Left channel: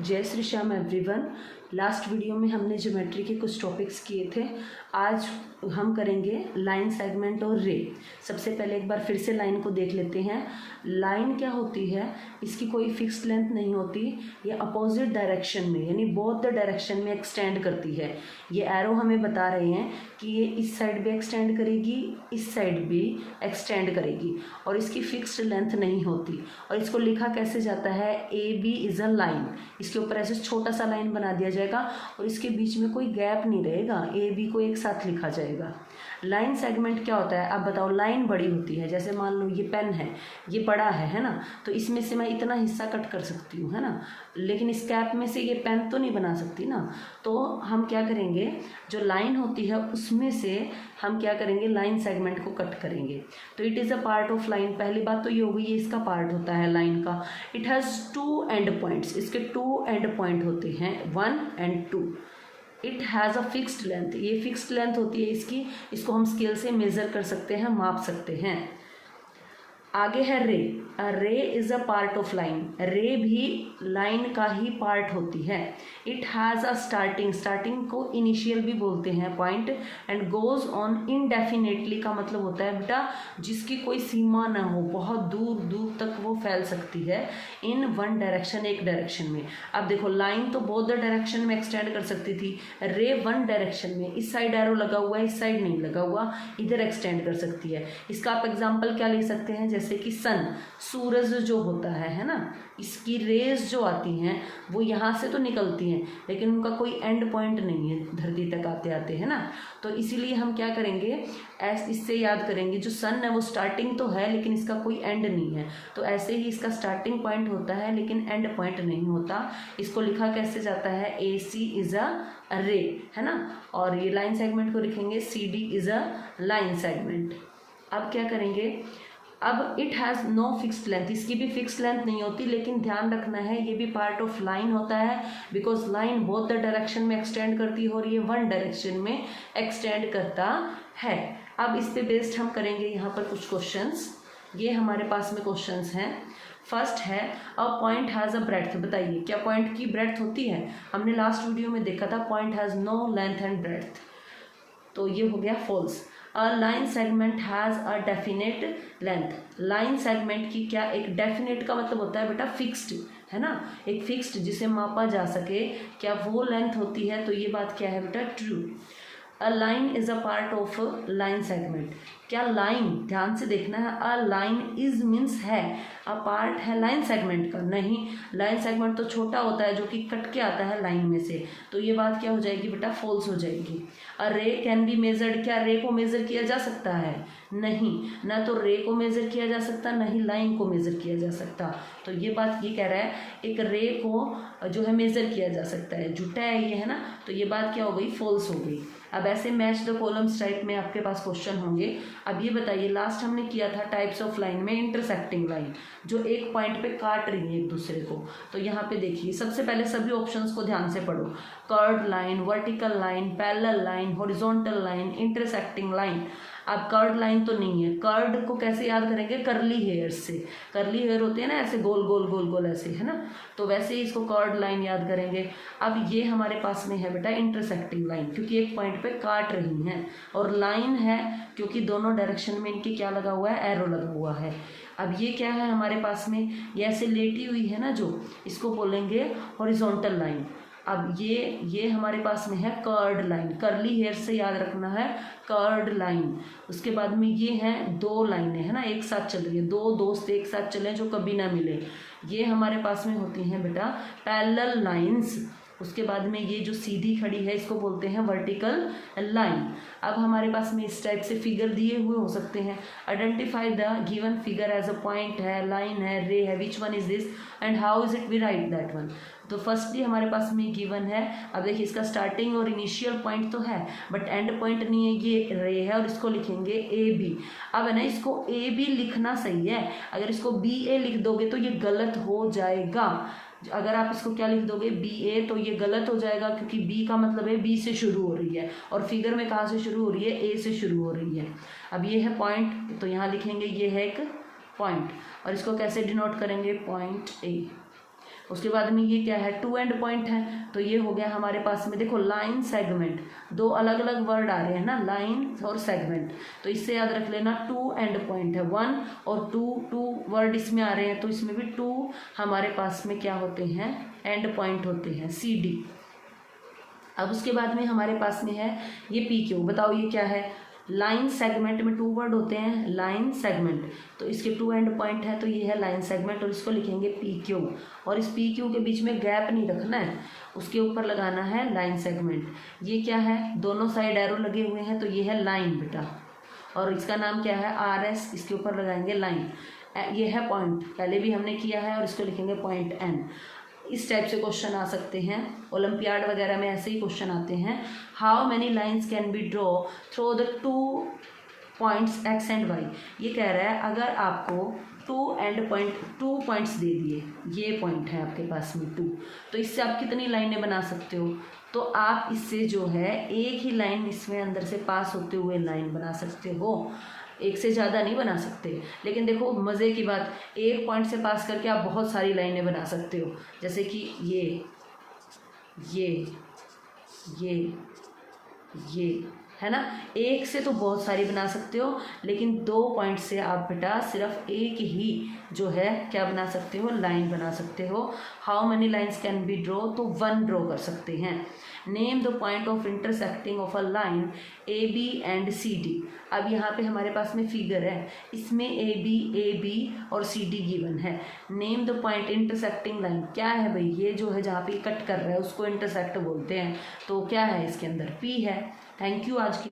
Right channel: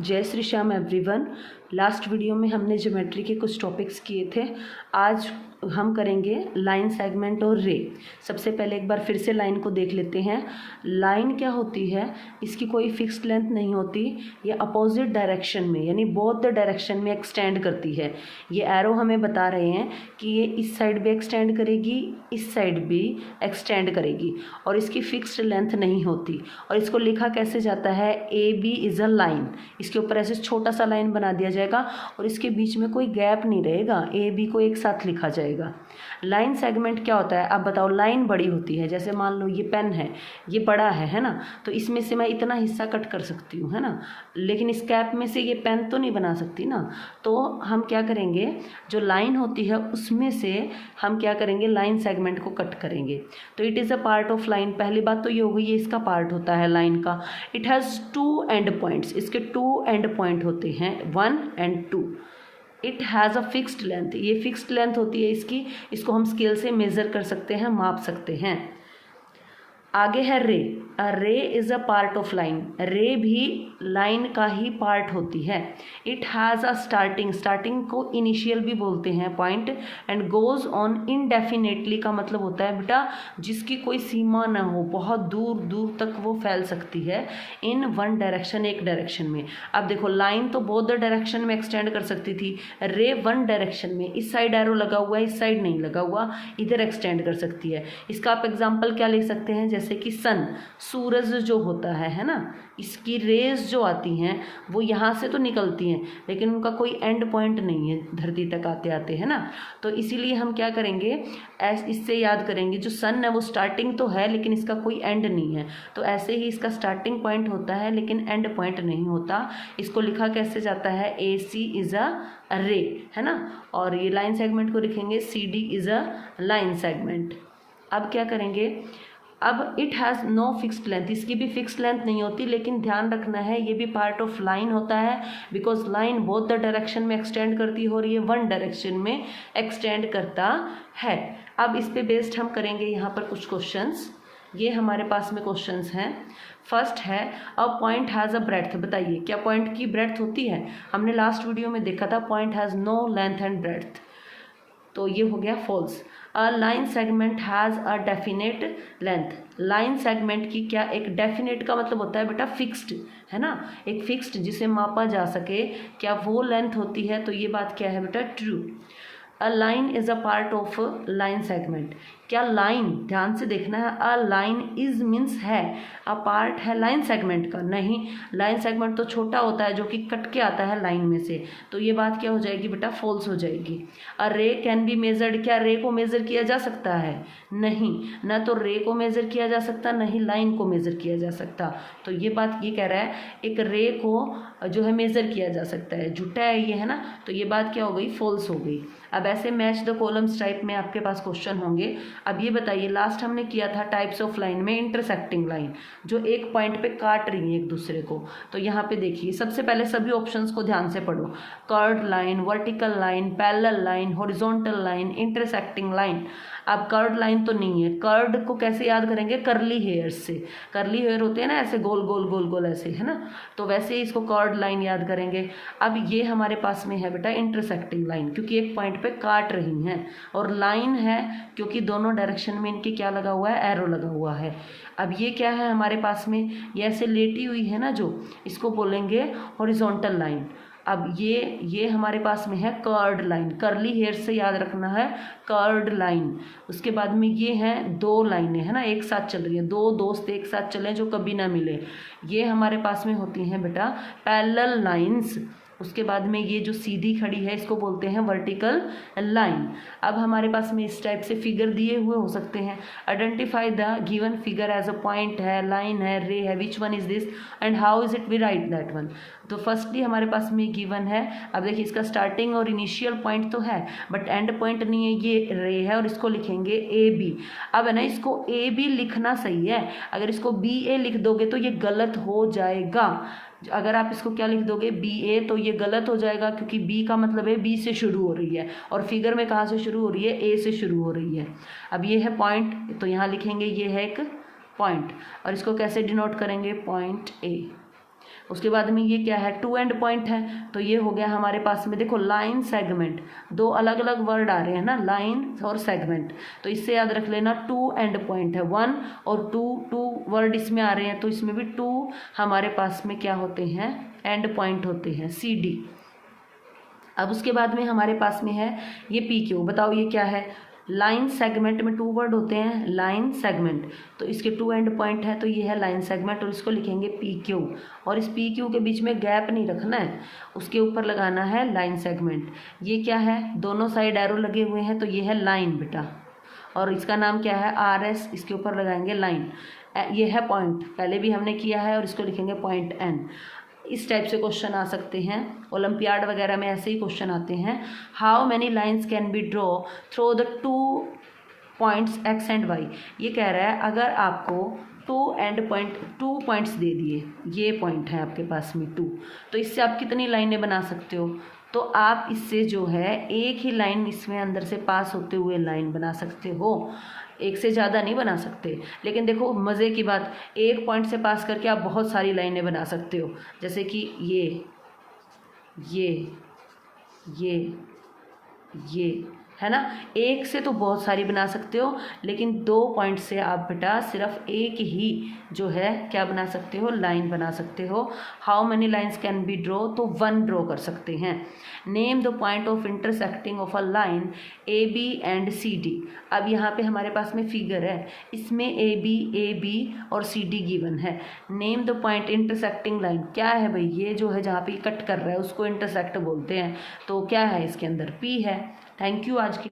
जय Shri Shyam everyone. Last video में हमने ज्योमेट्री के कुछ टॉपिक्स किए थे। आज हम करेंगे लाइन, सेगमेंट और रे। सबसे पहले एक बार फिर से लाइन को देख लेते हैं। लाइन क्या होती है, इसकी कोई फिक्स्ड लेंथ नहीं होती। ये अपोजिट डायरेक्शन में यानी बोथ द डायरेक्शन में एक्सटेंड करती है। ये एरो हमें बता रहे हैं कि ये इस साइड भी एक्सटेंड करेगी, इस साइड भी एक्सटेंड करेगी, और इसकी फिक्स्ड लेंथ नहीं होती। और इसको लिखा कैसे जाता है, A B is a line. इसके ऊपर ऐसे छोटा सा लाइन बना दिया जाएगा और इसके बीच में कोई गैप नहीं रहेगा, ए बी को एक साथ लिखा जाएगा। लाइन सेगमेंट क्या होता है, अब बताओ। लाइन बड़ी होती है, जैसे मान लो ये पेन है, ये बड़ा है ना, तो इसमें से मैं इतना हिस्सा कट कर सकती हूँ, है ना, लेकिन इस कैप में से ये पेन तो नहीं बना सकती ना। तो हम क्या करेंगे, जो लाइन होती है उसमें से हम क्या करेंगे, लाइन सेगमेंट को कट करेंगे। तो it is a part of line. पहली बात तो ये हो गई, ये इसका पार्ट होता है लाइन का। It has two end points, इसके टू एंड पॉइंट होते हैं, 1 और 2। It has a fixed length, ये फिक्स्ड लेंथ होती है इसकी। इसको हम स्केल से मेज़र कर सकते हैं, माप सकते हैं। आगे है रे। रे is a part of line. रे भी लाइन का ही पार्ट होती है। It has a starting, starting को इनिशियल भी बोलते हैं, point, and goes on indefinitely का मतलब होता है बेटा जिसकी कोई सीमा ना हो, बहुत दूर दूर तक वो फैल सकती है इन वन डायरेक्शन, एक डायरेक्शन में। अब देखो, लाइन तो बोथ द डायरेक्शन में एक्सटेंड कर सकती थी, रे वन डायरेक्शन में, इस साइड एरो लगा हुआ है, इस साइड नहीं लगा हुआ, इधर एक्सटेंड कर सकती है। इसका आप एग्जाम्पल क्या ले सकते हैं, जैसे कि सन, सूरज जो होता है ना, इसकी रेज जो आती हैं वो यहाँ से तो निकलती हैं लेकिन उनका कोई एंड पॉइंट नहीं है धरती तक आते आते, है ना। तो इसीलिए हम क्या करेंगे, इससे याद करेंगे, जो सन है वो स्टार्टिंग तो है लेकिन इसका कोई एंड नहीं है। तो ऐसे ही इसका स्टार्टिंग पॉइंट होता है लेकिन एंड पॉइंट नहीं होता। इसको लिखा कैसे जाता है, ए सी इज़ अ रे, है ना। और ये लाइन सेगमेंट को लिखेंगे C D is a line segment. अब क्या करेंगे, अब it has no fixed length, इसकी भी फिक्स्ड लेंथ नहीं होती, लेकिन ध्यान रखना है ये भी पार्ट ऑफ लाइन होता है, because line both the direction में एक्सटेंड करती है और ये वन डायरेक्शन में एक्सटेंड करता है। अब इस पे बेस्ड हम करेंगे यहाँ पर कुछ क्वेश्चंस। ये हमारे पास में क्वेश्चंस हैं। फर्स्ट है, a point has a breadth. बताइए क्या पॉइंट की ब्रेड्थ होती है। हमने लास्ट वीडियो में देखा था point has no length and breadth, तो ये हो गया false. A line segment has a definite length. Line segment की क्या एक डेफिनेट का मतलब होता है बेटा फिक्स्ड, है ना, एक फिक्स्ड जिसे मापा जा सके, क्या वो लेंथ होती है। तो ये बात क्या है बेटा, true. A line is a part of line segment. क्या लाइन, ध्यान से देखना है, अ लाइन इज मीन्स है, अ पार्ट है लाइन सेगमेंट का, नहीं। लाइन सेगमेंट तो छोटा होता है जो कि कट के आता है लाइन में से, तो ये बात क्या हो जाएगी बेटा, फॉल्स हो जाएगी। अ रे कैन बी मेजर्ड। क्या रे को मेजर किया जा सकता है, नहीं, ना तो रे को मेजर किया जा सकता, नहीं लाइन को मेजर किया जा सकता। तो ये बात ये कह रहा है, एक रे को जो है मेजर किया जा सकता है, झूठा है ये, है ना। तो ये बात क्या हो गई, फॉल्स हो गई। अब ऐसे मैच द कॉलम्स टाइप में आपके पास क्वेश्चन होंगे। अब ये बताइए, लास्ट हमने किया था टाइप्स ऑफ लाइन में इंटरसेक्टिंग लाइन, जो एक पॉइंट पे काट रही है एक दूसरे को। तो यहाँ पे देखिए, सबसे पहले सभी ऑप्शंस को ध्यान से पढ़ो। Curved line, vertical line, parallel line, horizontal line, intersecting line. अब कर्व्ड लाइन तो नहीं है, कर्व्ड को कैसे याद करेंगे, करली हेयर से। करली हेयर होते हैं ना, ऐसे गोल गोल गोल गोल ऐसे, है ना, तो वैसे ही इसको कर्व्ड लाइन याद करेंगे। अब ये हमारे पास में है बेटा इंटरसेक्टिंग लाइन, क्योंकि एक पॉइंट पे काट रही हैं, और लाइन है क्योंकि दोनों डायरेक्शन में इनके क्या लगा हुआ है, एरो लगा हुआ है। अब ये क्या है हमारे पास में, ये ऐसे लेटी हुई है ना जो, इसको बोलेंगे हॉरिजॉन्टल लाइन। अब ये हमारे पास में है कर्व्ड लाइन, करली हेयर से याद रखना है, कर्व्ड लाइन। उसके बाद में ये हैं दो लाइनें, है ना, एक साथ चल रही है, दो दोस्त एक साथ चलें जो कभी ना मिले, ये हमारे पास में होती हैं बेटा पैरेलल लाइंस। उसके बाद में ये जो सीधी खड़ी है इसको बोलते हैं वर्टिकल लाइन। अब हमारे पास में इस टाइप से फिगर दिए हुए हो सकते हैं। Identify the given figure as a point है, लाइन है, रे है, which one is this and how is it we write that one. तो फर्स्टली हमारे पास में गिवन है। अब देखिए, इसका स्टार्टिंग और इनिशियल पॉइंट तो है बट एंड पॉइंट नहीं है, ये रे है और इसको लिखेंगे ए बी। अब है ना, इसको ए बी लिखना सही है, अगर इसको बी ए लिख दोगे तो ये गलत हो जाएगा। अगर आप इसको क्या लिख दोगे, बी ए, तो ये गलत हो जाएगा क्योंकि बी का मतलब है बी से शुरू हो रही है और फिगर में कहाँ से शुरू हो रही है, ए से शुरू हो रही है। अब ये है पॉइंट, तो यहाँ लिखेंगे ये है एक पॉइंट, और इसको कैसे डिनोट करेंगे, पॉइंट ए। उसके बाद में ये क्या है, टू एंड पॉइंट है, तो ये हो गया हमारे पास में, देखो लाइन सेगमेंट, दो अलग अलग वर्ड आ रहे हैं ना, लाइन और सेगमेंट, तो इससे याद रख लेना टू एंड पॉइंट है, वन और टू वर्ड इसमें आ रहे हैं, तो इसमें भी टू हमारे पास में क्या होते हैं, एंड पॉइंट होते हैं, CD। अब उसके बाद में हमारे पास में है ये PQ, बताओ ये क्या है, लाइन सेगमेंट में टू वर्ड होते हैं, लाइन सेगमेंट, तो इसके टू एंड पॉइंट है, तो ये है लाइन सेगमेंट, और इसको लिखेंगे PQ, और इस PQ के बीच में गैप नहीं रखना है, उसके ऊपर लगाना है लाइन सेगमेंट। ये क्या है, दोनों साइड एरो लगे हुए हैं, तो ये है लाइन बेटा, और इसका नाम क्या है, RS, इसके ऊपर लगाएंगे लाइन। ये है पॉइंट, पहले भी हमने किया है, और इसको लिखेंगे पॉइंट N। इस टाइप से क्वेश्चन आ सकते हैं, ओलंपियाड वगैरह में ऐसे ही क्वेश्चन आते हैं। How many lines can be draw through the two points X and Y। ये कह रहा है अगर आपको टू पॉइंट्स दे दिए, ये पॉइंट है आपके पास में 2, तो इससे आप कितनी लाइनें बना सकते हो, तो आप इससे जो है एक ही लाइन इसमें अंदर से पास होते हुए लाइन बना सकते हो, एक से ज़्यादा नहीं बना सकते। लेकिन देखो मज़े की बात, एक पॉइंट से पास करके आप बहुत सारी लाइनें बना सकते हो, जैसे कि ये है ना, एक से तो बहुत सारी बना सकते हो, लेकिन 2 पॉइंट से आप बेटा सिर्फ एक ही जो है क्या बना सकते हो, लाइन बना सकते हो। How many lines can be draw, तो 1 ड्रॉ कर सकते हैं। Name the point of intersecting of a line AB and CD। अब यहाँ पे हमारे पास में फिगर है, इसमें AB और CD गिवन है। Name the point intersecting line, क्या है भाई, ये जो है जहाँ पे कट कर रहा है उसको इंटरसेक्ट बोलते हैं, तो क्या है इसके अंदर, P है। थैंक यू आज की